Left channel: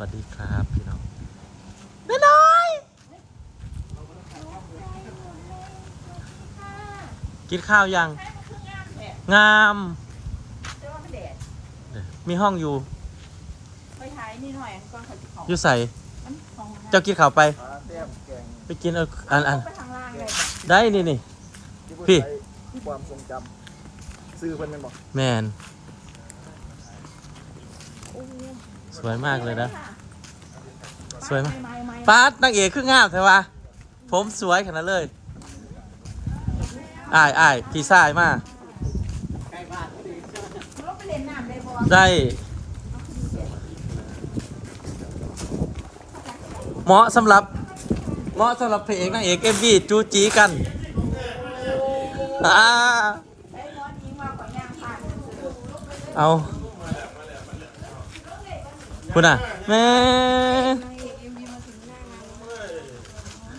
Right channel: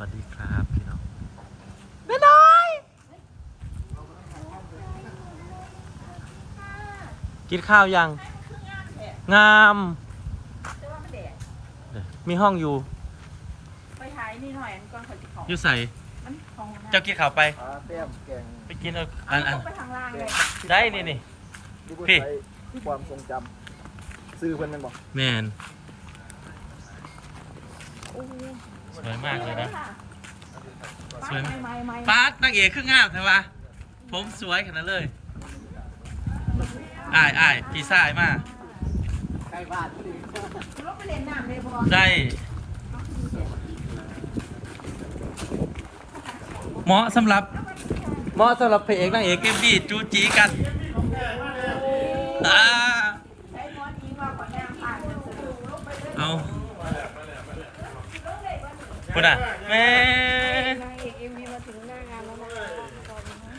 วัสดีครับพี่น้องแม่น้อย กินข้าวยัง งามจะว่ามันแดดเดี๋ยวมีห้องอยู่ไปถ่ายนี่หน่อยอันก่อนเขาจะขออยู่ใส่มันของนะเจ้ากินข้าวไปปลาแต้มแกงไปกินเอาอันอันไปทางล่างเลยได้นี่นี่ที่พี่ พี่ ความทรงจำซื้อเพิ่นแมันบอกแมนโอ้ สวยมากเลยนะ สวยไหมไม่ไม่ปาดนางเอกคืองามใช่ปะผมสวยขนาดนั้นเลยอ้ายอ้ายพี่ชายมารถไปเล่นน้ำได้บ่ได้ เหมาะสำหรับ เหมาะสำหรับพระเอกนางเอกเอ็มวีจูจีกันอ่า ใช้หมอนยิงว่าก่อนย่างผ่านมันสะดวกเอา คุณอะแม่นางเอกเอ็มวีมาถึงหน้างานแล้วนะ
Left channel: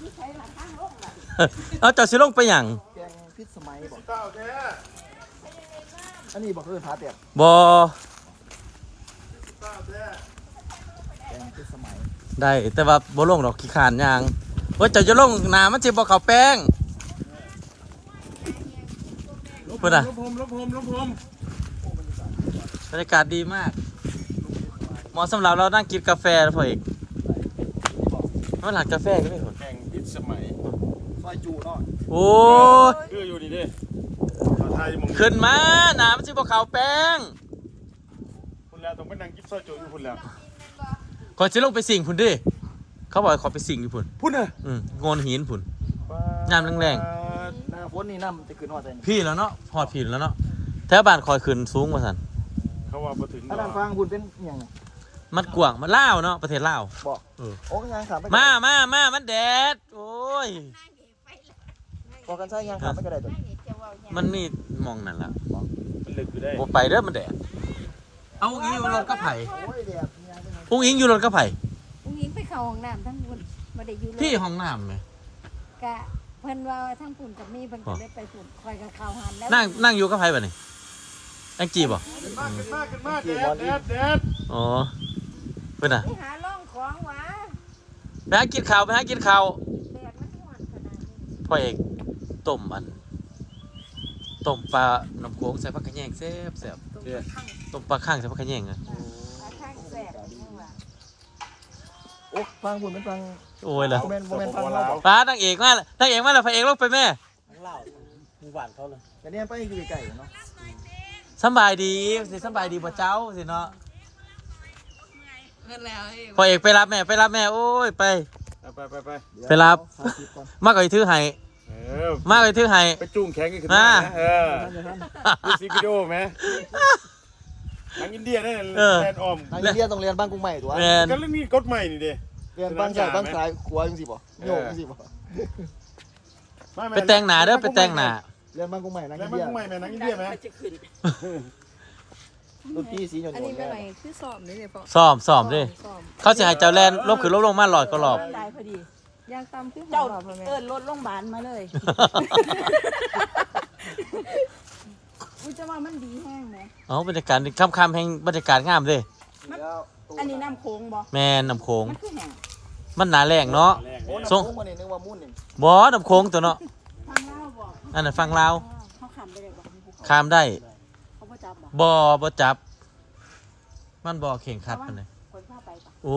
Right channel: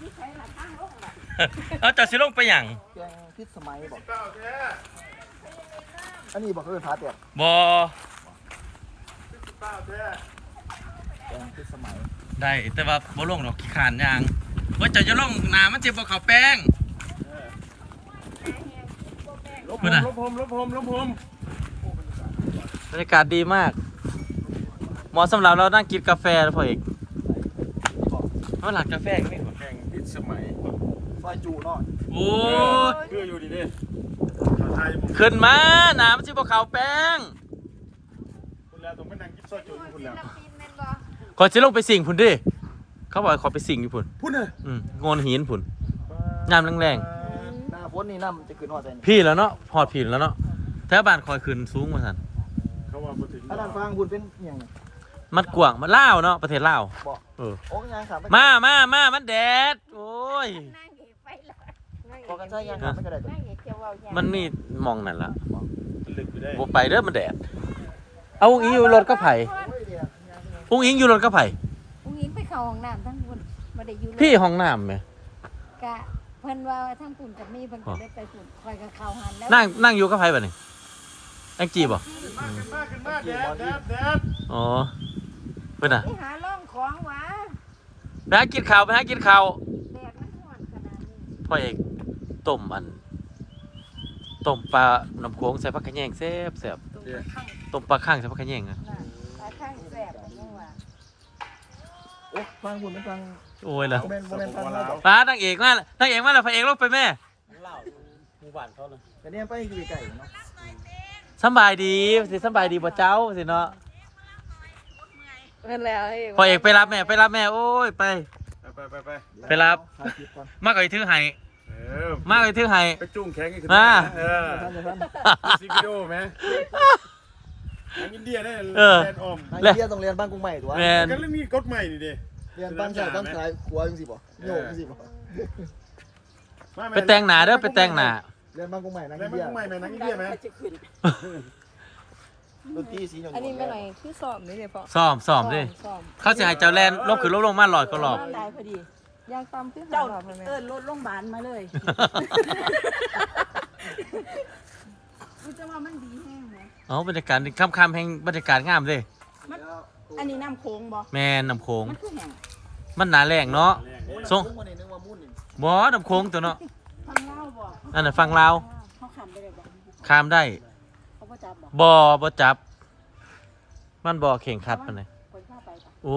ที่ใช้หลักข้างลงแบบเอาเจ้าสิลงไปหยังแกงพิษสมัยบอกอันนี้บอกคือพาแต้มบอแกงพิษสมัยได้แต่ว่าบ่ลงดอกขี้ขานยางว่าเจ้าจะลงหนามันสิบ่เข้าแป้งลบเพื่อนอะลบผมลบผมลบผมบรรยากาศดีมาก เหมาะสำหรับเรานั่งกินกาแฟนะพ่อเอกมันหลังกาแฟอีกพี่แข่งพิษสมัยซอยจูเนาะโอ้ยคืออยู่ดีดิชาวไทยหมดขึ้นมาหนามันสิบ่เข้าแป้งคุณแล้วต้องไปนั่งกินซอยโจอยู่คุณแล้วขอสิลงไปสิ่งพุ่นดิเขาบอกให้ขอไปสิ่งอยู่พุ่นพุ่นเนอะอืมโงนหินพุ่นน้ำแรงหน้าฝนนี่น้ำจะขึ้นหอดใจนี่พี่แล้วเนาะพอดผิดแล้วเนาะแถวบ้านคอยขึ้นสูงกว่าสันเขาว่ามาถึงอันนั้นฟังคุณเป็นอหย่างน่ะ มันกว้างมันล่าวเนาะประเทศลาวบอก เออโอ้ยยังถามไปมามามามันแดด โอ้ยพอกันใช่ยังถามไม่กระไดมันมีหมองนั่นละลึกอยู่ได้บ่ไปเด้อมันแดด เอาอุ้งอิงอยู่รถก็ไผ่โอ้ยเดี๋ยวยังอุ้งอิงอยู่รถก็ไผ่อุ้งยิงไปเข้าห้องน้ำทั้งคนบ่ได้อยู่พี่ห้องน้ำไหมกะเพิ่นว่าทั้งปุ่นกับมีเพิ่นก็ได้ไปปุ่นคอยกับข้าวหันแล้วนั่งนั่งอยู่ก็ไผ่บ่นี่แองจีบ่มาแดดแดดแดดอ๋อ เพิ่นน่ะไปหาล่องของหวะไปหากินข้าวไปหากินข้าวแดดมันร้อนขนาดนี้พ่อเอกต้มอันต้มปลาน้ำโขงใส่ผักกระแยงแซ่บแซ่บเดี๋ยวต้มปลาข้างใส่ผักกระแยงอะหาทางแสบนี่ว่าโอ้ฟังคุณเป็นฟังโอ้ยล่ะโมเมนต์โมเมนต์ฟังเขาบอกป้านางเอกมาแล้วนางเอกมาแล้วพระเอกลงไปแม่แต่เนี่ยไปอยู่ไกลๆเนาะ สำบายดีสิสำบายดีบ่เจ้าสิเนาะ เพิ่นแล้วเอ้ยพอเอกไปรับแม่ไปรับแม่โอ้ยไป ไปไปไปไปรับสายคิดก่อนมากกว่าอีถือให้เออมากกว่าอีถือให้ ไปจุ่มแข็งอีกขึ้นมา เออท่านจะท่านดูสิวิดีโอไหมทางอินเดียเนี่ยแลนด์ออมทางอินเดียต้องเรียนบ้านกรุงใหม่ตัวแมนกันเรื่องนี้กฎใหม่นี่ดิเรียนบ้านใส่บ้านซ้ายขวาจังสิบ่โยกจังสิบ่มาม่ไปแต่งหน้าเด้อไปแต่งหน้าเรียนบ้านกรุงใหม่นักแล้อิวนมันเดียกฎใหม่ไหมนักอินเดียไหมจะขึ้น ดนตรีสีหยงอันนี้ไม่หน่อยคือสอบนี่เลยพ่อซ้อมซ้อมดิสอบเขาสิให้เจ้าแลนลบขึ้นลบลงมาหลอดก็หลอบได้พอดี ยางตำคือเจ้าเอิ้นรถโรงพยาบาลมาเลย อุ้ยจะว่ามันดีแห้งไหมเอาบรรยากาศค่ำๆแห่งบรรยากาศงามเด้อันนี้น้ำโค้งบ่แมนน้ำโขงมันคือแห้งมันหนาแรงเนาะแรงโอ้เนี่ยยส่งมันนี่นึกว่ามุ่นนี่บ่น้ำโขงตัวเนาะ ฟังเล่าบ่อันนั้นฟังลาวเขาขำไปเลยบ่ข้ามได้เขาบ่ จับบ่บ่บ่จับ มันบ่เข่งคัดปานใดคนพาไปปะโอ้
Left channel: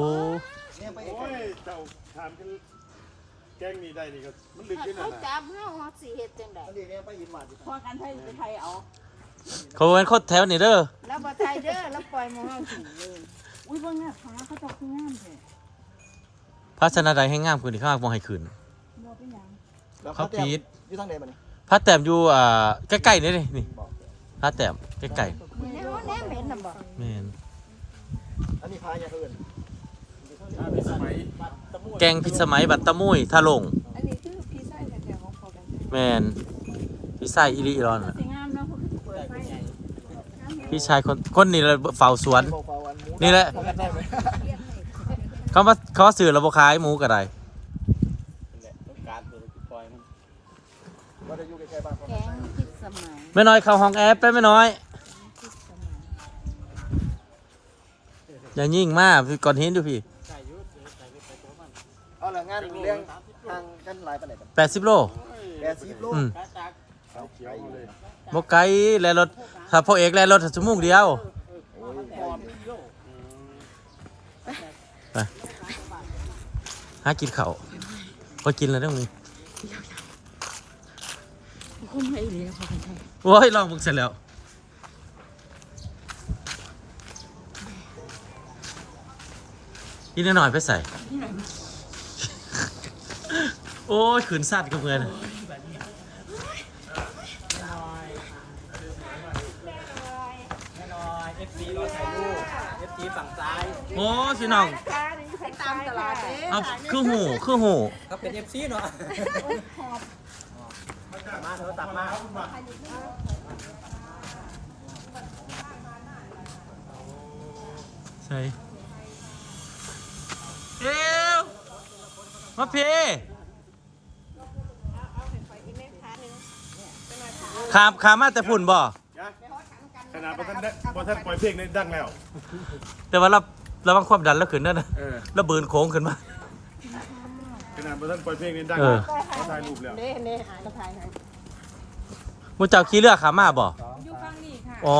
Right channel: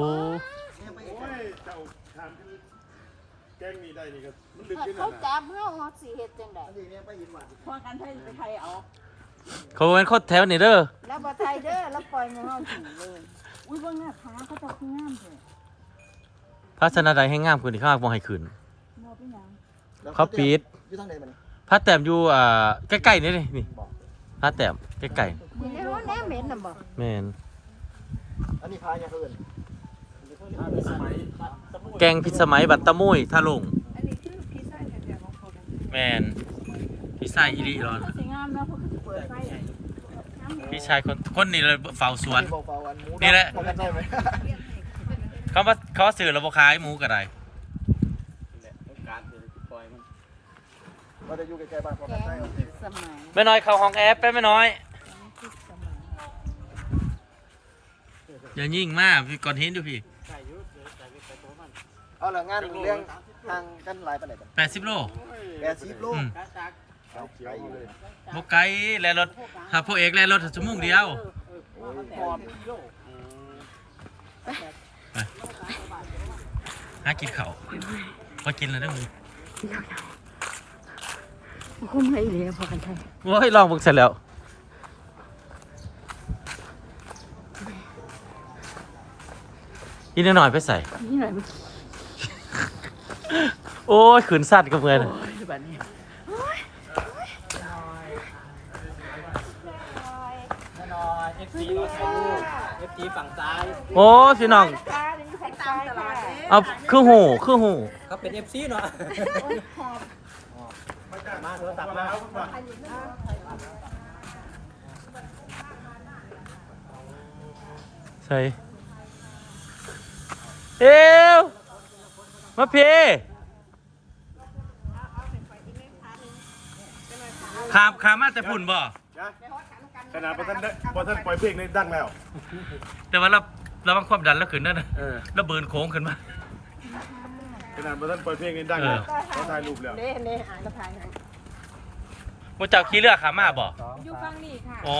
เนี่ยไปโอ้ยเจ้าถามกันแกล้งนี่ได้นี่ก็มันลึกขึ้นเขาน่ะนะจับเฮาเฮาสิเฮ็ดจังได๋อันนี้เนี่ยไปยินหวานพอกันไทยไปไทยเอา เขาเป็นคนแถวนี่เด้อแล้วบ่ไทยเด้อแล้วปล่อยหมู่เฮากินเลย อุ้ยเบิ่งหน้าผาเขาเจ้าคืองามแท้พระชนะใดให้งามขึ้นที่ข้างบ่ให้ขึ้น บ่เป็นหยังเขาปิด อยู่ทางไหนมาเนี่ยพระแต้มอยู่อ่าใกล้ๆนี่นี่นี่บอกพระแต้ม ใกล้นี่เฮาแนมเห็นน่ะบ่ๆแม่นอันนี้พาอย่างเขาเอิ้นพิษสมัยแกงพิษสมัยบัตตะมุยทะลงอันนี้คือพี่ชายแท้ๆของเขากันแม่นพี่ชายอีหลีรอนน่ะสิงามเนาะเพราะเขาเปิดไฟพี่ชายคนคนนี้เลยเฝ้าสวนเบาๆอันหมูนี่แหละ พอกันได้ไหมเขามาเขาสื่อระบบขายหมูก็ได้ต้องการเศรษฐกิจปล่อยมันเราจะอยู่ใกล้ๆบ้านเขาแกงพิษสมัยไม่น้อยเข้าห้องแอปไปไม่น้อย พิษสมัย โอย่ายิ่งมากพี่ก่อนเห็นดูพี่ไก่ยุดไก่ไปตัวมันเอาละงานเลี้ยงทางกันหลายปานใดบัดแปดสิบโลแปดสิบโลอืมกาจากเอาเขียวเลยบกไกลแลรถถ้าพ่อเอกแลรถชั่วโมงเดียวโอ้ยปอมโลหากินเขาวพอกินแล้วได้มึงคุ้มเลยเหลียวพอกันใช่ว้ายลองบึกเสร็จแล้ว นหน่อยไปใส่ นี่หน่อยโอ้ยขืนสัตว์กับเพื่อนแน่นอนเอฟซีเราใช้ลูกเอฟซีฝั่งซ้าย โอ้สิน้องจ้าเดี๋ยวอยู่ข้างตามตลาดเด้เอาคือหูคือหูเขาเป็นเอฟซีเนาะมาโทรศัพท์มาใส่ เอวมาพี่ขามขามมาแต่ฝุ่นบ่ ขนาดพอท่านได้พอท่านปล่อยเพลงนี้ดังแล้ว แต่ว่าเราระวังความดันแล้วขึ้นนั่นนะเออแล้วเบิร์นโค้งขึ้นมา ขนาดพอท่านปล่อยเพลงนี้ดังเอแล้อวเขาถ่ายรูปแล้วเด้เด้อ่านกระพายให้มูเจ้าขี้เลือกขามาบ่ อยู่ฟังนี่ค่ะ อ๋อ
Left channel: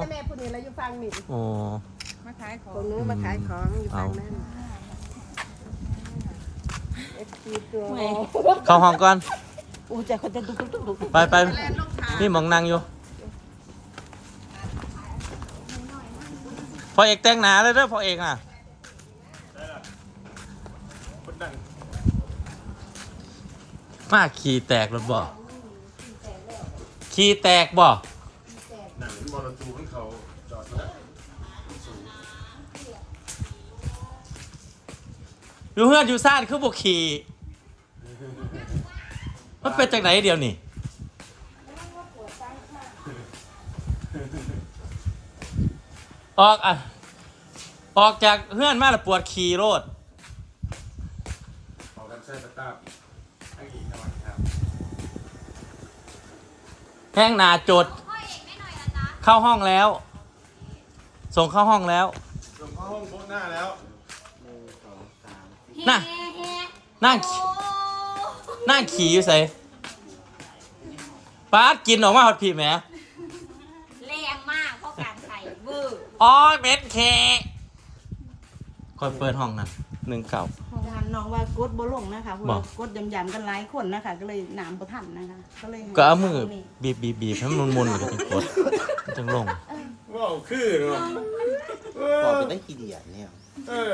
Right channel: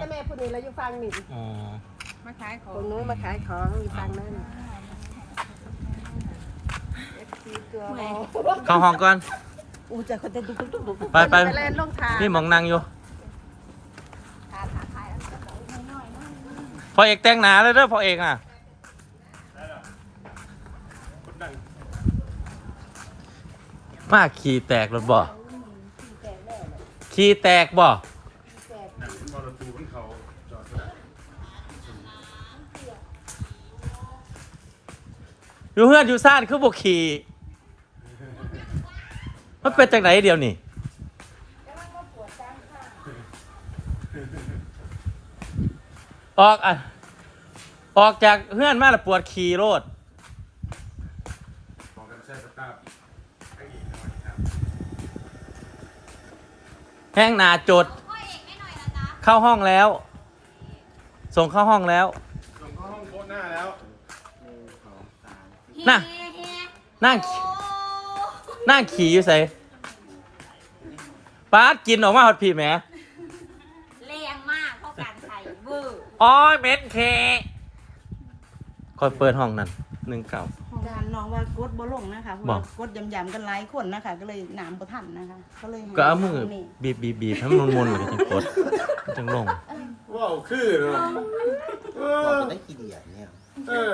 แต่แม่ผู้นี้แล้วอยู่ฟังนี่อ๋อ มาขายของตรงนู้นมาขายของอยู่ฟังนั่น เข้าห้องก่อนอู้จคนจะดุกดุกดุกไปไปเล่นลงทางนี่หมองนั่งอยู่พอเอกแต่งหนาเลยเด้อพอเอกอะมาขี่แตกรถบ่ขี่แตกบ่ อยู่เพื่อนอยู่ซ่านคือบุขี่มันเป็นจากไหนเดียวนี่ออกอะออกจากเพื่อนมาแล้วปวดขี่โรดแห้งหนาจด เข้าห้องแล้ว ส่งเข้าห้องแล้ว ส่งเข้าห้องโพสหน้าแล้ว น่ะนั่งนั่งขี่อยู่ใส่ป้าดกินออกมาหอดผีแหมแรงมากเพราะการไข่เวอร์อ๋อเม็ดเคคอยเปิดห้องนั้นหนึ่งเก่าของงานน้องว่ากดบ่ลงนะคะเพราะบ่ว่ากดยำๆกันหลายคนนะคะ ก็เลยน้ำบ่ทันนะคะ ก็เลยก็เอามือนี่บีบบีบบีบให้มันมุนๆมันจะเป็นกดมันจังลงว้าวคือเนาะเอบอกอเป็นได้ขี้เดียดเนี่ยเออ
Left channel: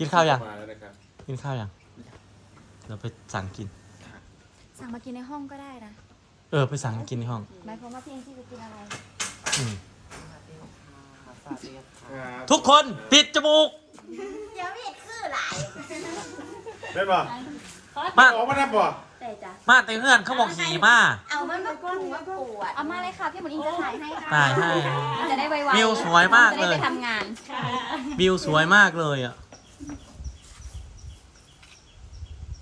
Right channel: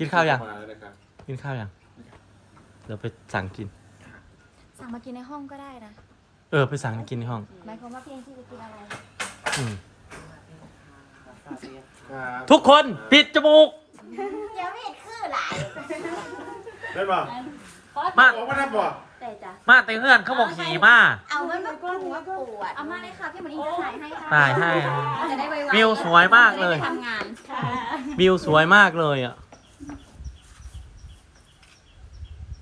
กินข้าวยังมาแล้วนะครับกินข้าวยังเราไปสั่งกิน สั่งมากินในห้องก็ได้นะ เออไปสั่งกินในห้อง หมายความว่าเพียงที่จะกินอะไร อืมอ่าทุกคนปิดจมูกยังไม่เห็นคือหลายได้ป่ะมา ออกมาได้ป่ะแต่จ้ะมาแต่เพื่อนเขาบอกขี่มา เอามันมากรุงมาปวดเอามาเลยค่ะ พี่หมอนิงจะถ่ายให้ค่ะตายให้จะได้ไวๆวิวสวยมากเลย จะได้ไปทำงาน วิวสวยมากเลยอะ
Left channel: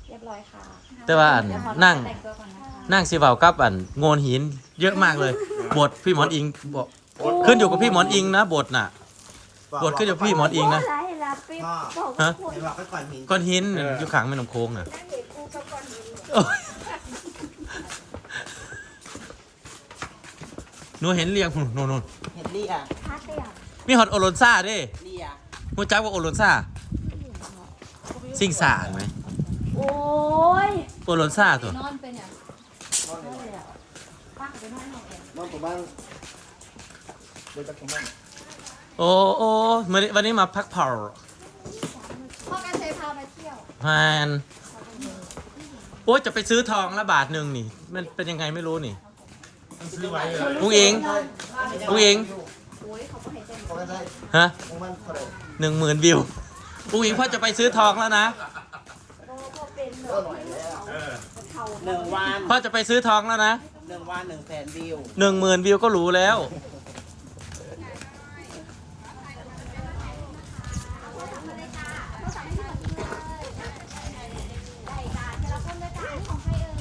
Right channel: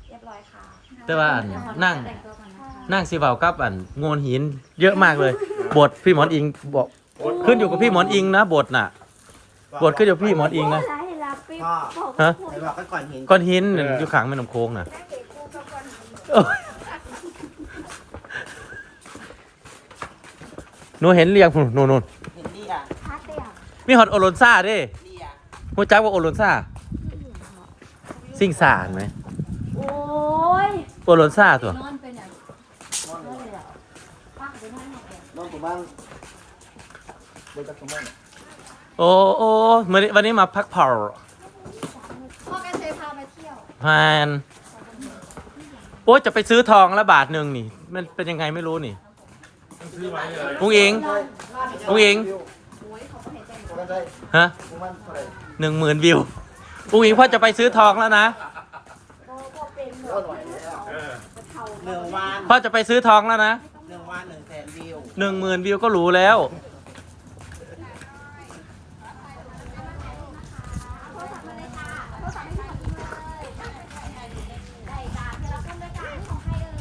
เรียบร้อยค่ะ แต่ว่าอันนั่งแต่งตัวก่อนนะคะนั่งสิเบากับอันโงนหินเยอะมากเลย บทพี่หมอนอิงบอกขึ้นอยู่กับพี่หมอนอิงนะบทน่ะ บทขึ้นอยู่กับพี่หมอนอิงนะโร้ายรับปิ๊บบอกฮะว่าป่วยบอกกันก่อนเห็นก้อนหินนั่นอยู่ขางแม่น้ำโค้งน่ะโอ้ยหนูเห็นเรียงหนูนู่นเห็นดีอะพักเดียวมีฮอตโอโรนซ่าเด้ดีอะหูจักว่าโอโรนซ่าซิ่งซ่าเห็นไหมโอ้ ยโอโรนซ่าตัวนอนเป็นอย่างนอนเลยเหรอป้าไปนอนหน่อยเดียวน้องผมบ้างเดี๋ยวจะผมบ้างโอ้โอ้วันนี้วันนี้มาพักผ่อนพ่อกันเคยพาไปเที่ยวแมนโอ้ยจะไปซื้อทองละบาทหนึ่งนี่ มันเป็นยังไงไม่รู้นี่อุ้งอิงอุ้งอิงก็ได้ฮะผมมันเท่าไหร่หนึ่งหมื่นวิวอุ้งอิงพ่อจะไปซื้อทองแล้วนะ หนึ่งวันพ่อจะไปซื้อทองแล้วนะหนึ่งวันหนึ่งแสนวิวหนึ่งหมื่นวิวก็รู้แล้วได้จ้าเทเลคอนด้วยจ้านี่ของใครเอ่ย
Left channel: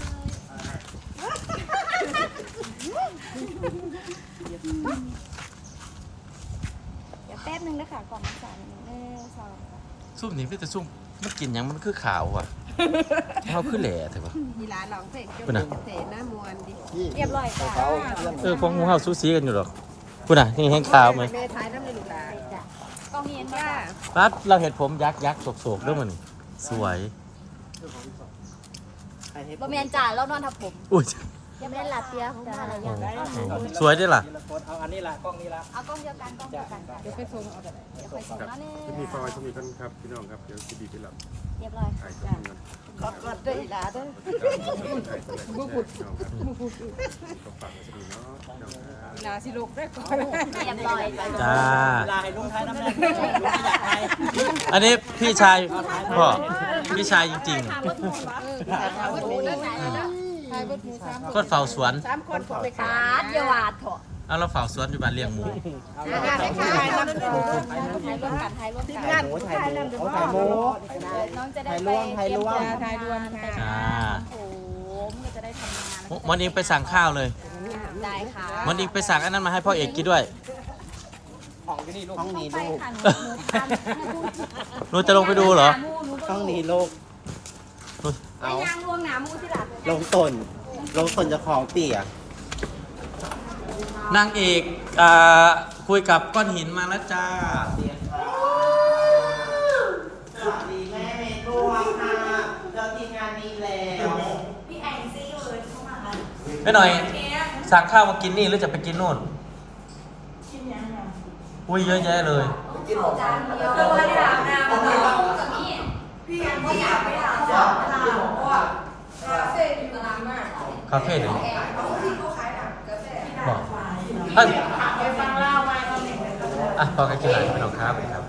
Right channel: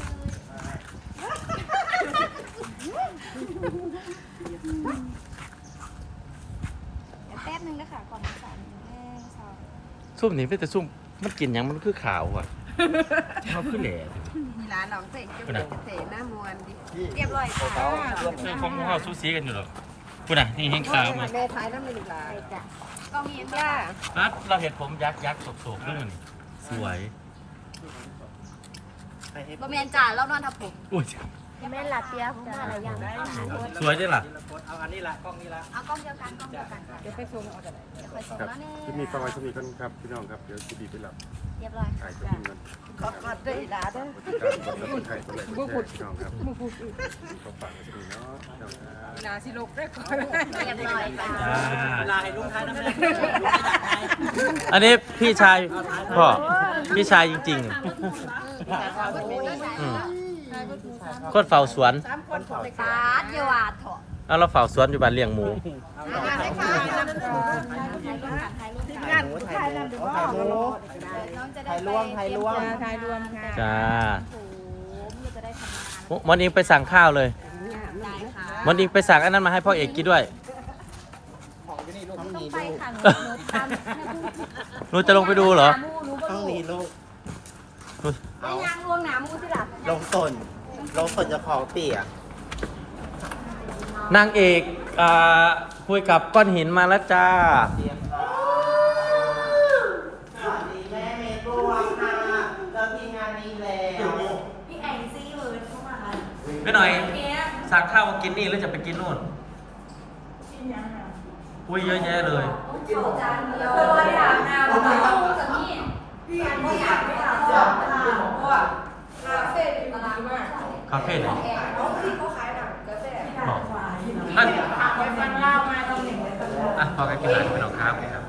อด้วยค่ะกล่องสามเออสอง ซุ่มนี่เป็นแต่ซุ่มมันกินหยังมันคือขาวอะ เขาคือแหล่เถอะวะ มีร้านลองเพลงจะคุณน่ะเสหน้ามวนดิเรียบร้อยค่ะเออพวกหมูเฮาซูซีกันอยู่หรอกคุณน่ะนี่แห้งขาวมั้ยแม่ท้ายน้ำหนึ่งบาทกล่องเห็นจ้ารัดเราเห็นผมยักษ์ยักษ์โศกๆด้วยมันนี่สวยบะเมียนจ่าแล้วนอนทับผมอุ้ยแม่ลาเตียผมมาอะไรอย่างได้สวยด้วยล่ะเอาอันนี้ละกล้องนี้ละเอากล้องเดียวกันกล้องเดียวกันค่ะเดี๋ยวไปส่งเอาแต่ไหนเดี๋ยวไปส่งแล้วนี่ที่มีฟอยที่มีคนครับพี่น้องครับเดี๋ยวจะดีไปแล้วเรียบร้อยถ่ายตัวนี้ขอกอดด้วยอีหลาเด้อบุกุดบุกุดเวลาสิลกได้ก่อนเรียบร้อยจ้าจ้าเวลาให้ลุงท้ายน้ำแดงอันนี้พี่ชายพ่อพี่ชายจริงๆอืมทายบดหมูสามโคตรเฝ้าสวนสามคนผมไปสาดเยาวาดเถอะ เอาเราเฝ้าสวนอยู่บ้านเลี้ยงหมูงานให้ทายนำทายบดหมูกันทายรวมทีมงานผู้ชายนำเดี๋ยวพ่อมาลดก็ได้น้องจะได้ถ่ายไปรวมถ่ายรวมจะทายรวมค่ะจ้าโอ้โหมันจะได้ทำงานวันนี้ไปสั่งข้าวเลยได้ค่ะวันนี้ไปสั่งอันนั้นมาให้พ่อเอกกินด้วยของที่นี่ลูกห้องต้องนี้ไปลูกค่ะหนูหนูทำเนี่ยพูดหนูจะลงไปดูเหรอหนูหนูก็ห้องรู้นี้ลูกไอ้ยางลวงหนามูสิล่ะลงต้นลงต้นจะของเปียก นางเอกอ่าคุยกับก้อนหินมาแล้วจ้า สวัสดีแม่เมย์บัวค่ะเราทีมงานนี้แล้วไม่หน่อยสั่งข้าวมากินนี่หรือจะไปกินนู่นอุ้ยเยอะแยะเลยจานเดียวเลยไม่ได้น้ำมันต้องกับนี่พี่ยังไม่อยากไม่อยากจะทำเพราะว่าคาเฟ่มีมานานมากคาเฟ่ไหนบอก ท่านอะพอกันกินหลายไม่ต้องครับครับ